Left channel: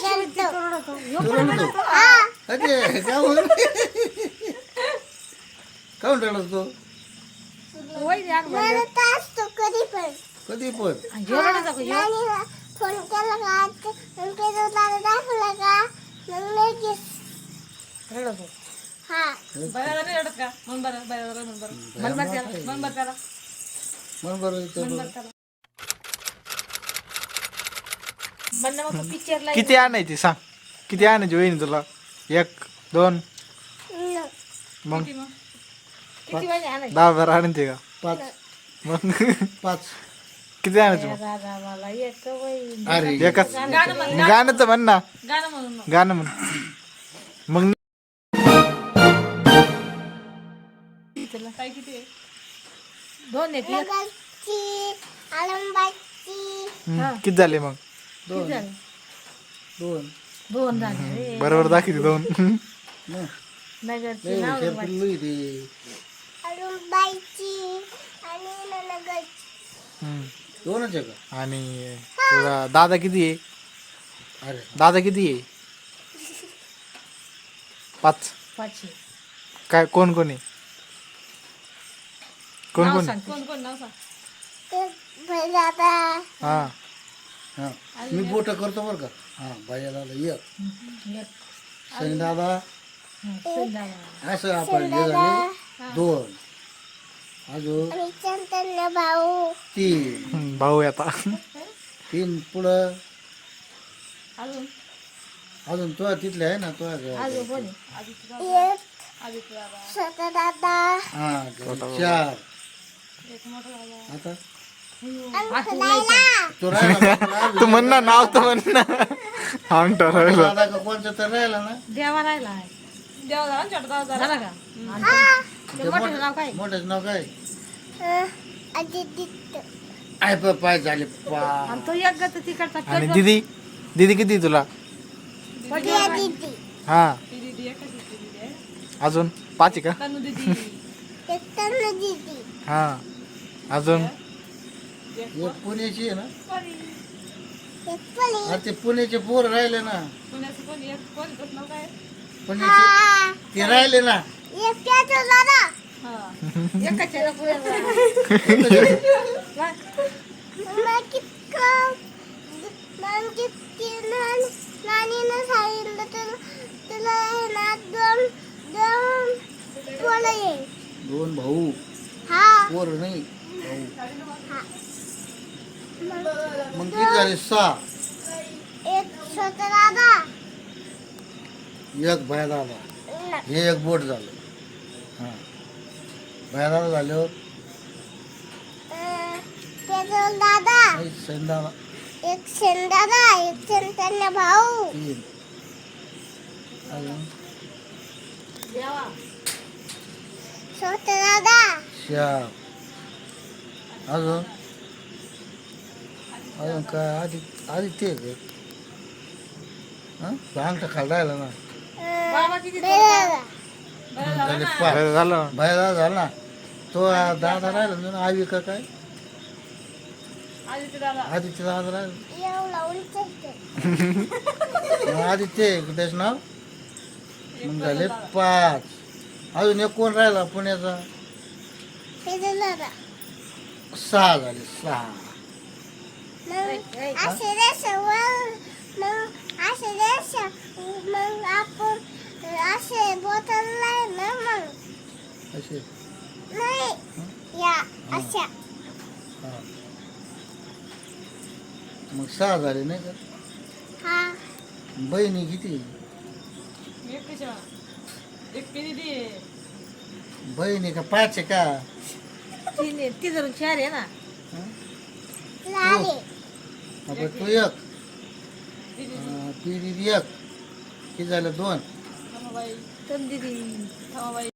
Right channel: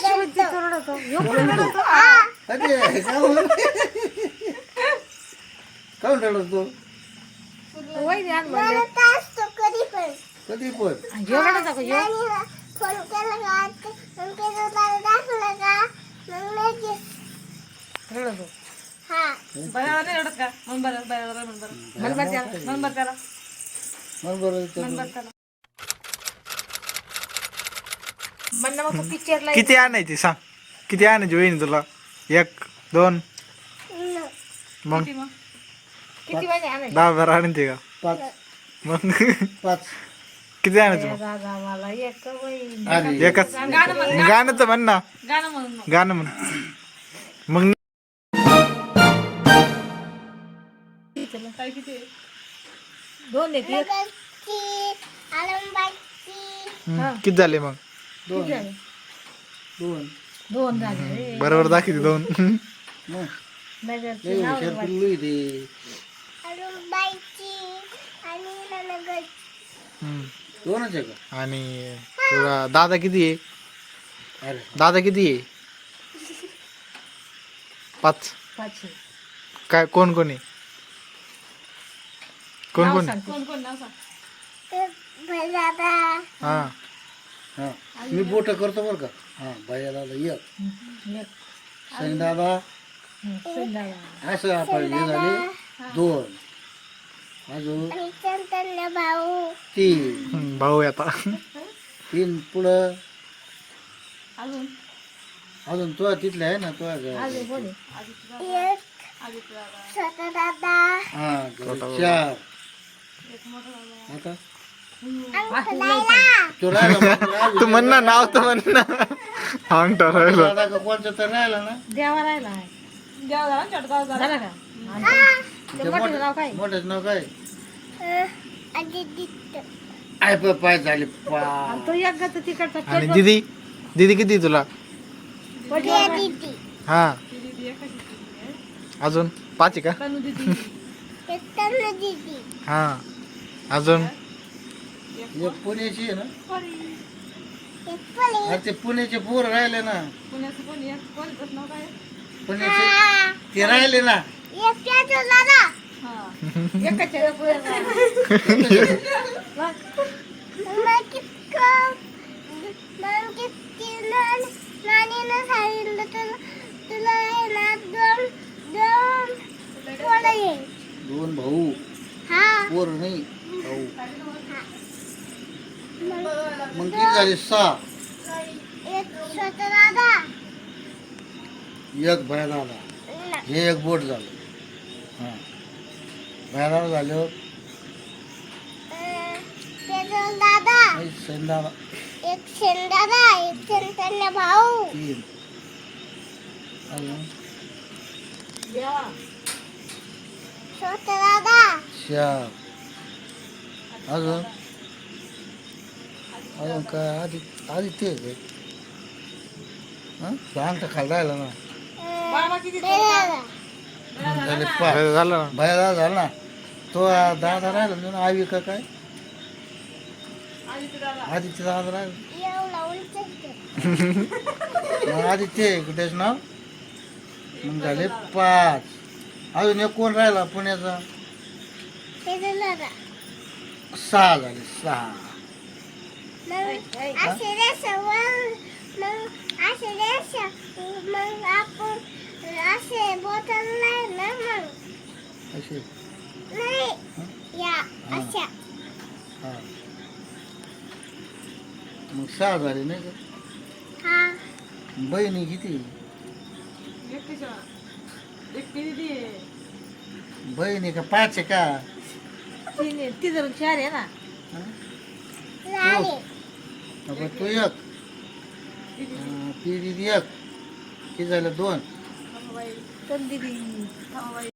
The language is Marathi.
कशी होती रडतो ह्यो पण रडतो अरे काऊन रडतो वहिनी आण म्हणलं कधी पण ह्यो रडतो का ह्यो रडतो बाळाला नाही रडत का मन बरं बाळाला मन बरं मन बरं त्याला मन बरं त्याला मन बरं मन बरं त्याला म्हणलं मग पिक्चरला किती आणायची सांग किती आणायची वहिनी तुला 1 2 मग किती मग किती वाजे आणायची 10-12 आणायची का 5 मग 5 किती आणायची मग दादा मला एक वहिनी अरे एकच गाणं म्हण गाणं तर म्हण ना गाणं म्हणून नको. गाणं म्हण मग काय किती आहे? 2 आहे एक किती झाले मग दोन झाले. दोन 2 झाले बरोबर दाखवते 2 मग नगरची लई नाव हुशार पिल्लू आहे ते दोनच आहे का आणि तुला दादा किती आहे अरे दादा किती आहे 5 पाचशे काय कोण कोण आहे कोण नाव कोण सांग. कोण कोण नाव सांग हा हा मी बोट करतो बरं का हा भैया दादा एक एक सैन दादा संध्याकाळ असं आपण हे झाले 2 अजून 3 भाऊ आता 3 पुढं अजून अजून तो तिथला आहे ना तो अजून कोणी आदित्य दादा हा 4 एक मोठा दादा आता आठवलं तो राहिला तू म्हण ना नाव तर म्हण ना अंग ठरवलं दादा का कोणचा तर राहिला ना देवा राहिला आहे देवा झाला ना छोटा दादा झाला झाला का ते मोठं नाव काय मोठ्याचं नाव काय आय पाय झाले पा आणि तो एक गत तिकडचा आणि दीदी दीदी किती आहे तुला हा दीदी एकाची दीदी आहे अजून 5 आहे का तनु दीदी हा अजून हे पुण्याची आहे ना अरे ते पुण्याचे पोर राहिले ना पुण्याचं कोण एक कोण त्याचं नाव काय आहे? पुण्याचे ते राहिले ना हा एकाच्या पुढे दोन भाऊ पोर नाही भाऊ मग किती झाले 6 एक बाय दादा हे एक बोट झालं हा बाय दादा झाल्यावर सैन दादा एक शेंदादा एक शेंदाला भाऊ 3 अजून देवा छोटा दादा 4 अजून अजून काय आधी ते अंगठा खाली राहिला ना बाबा किती दादा झाले 5 झालं बाय दादा झाला ना तो दादा राहिला ना आवी का काय आदित्य दादा आदित्य दादा राहिला एवढा उंच होतं. मग आदित्य कुठेच नाव मग झाले 5 अजून एक कोण राहिला पुण्याचा त्याचा दादा 6 झाले 6 मग असे रेषावर मग असे रेषा मग आपण असे बोटल नाही ना मग असे नाही या अशा हा मग 6 झाले नाही का हा बहिणी किती एक कशा एक दीदी आहे बहिणी का 5 आहे का ती जर 4 आहे ना हा? झाले आपण तू एक ती दीदी एक किती झालं 2 थांबाबाई तर दिदी थांबाबाई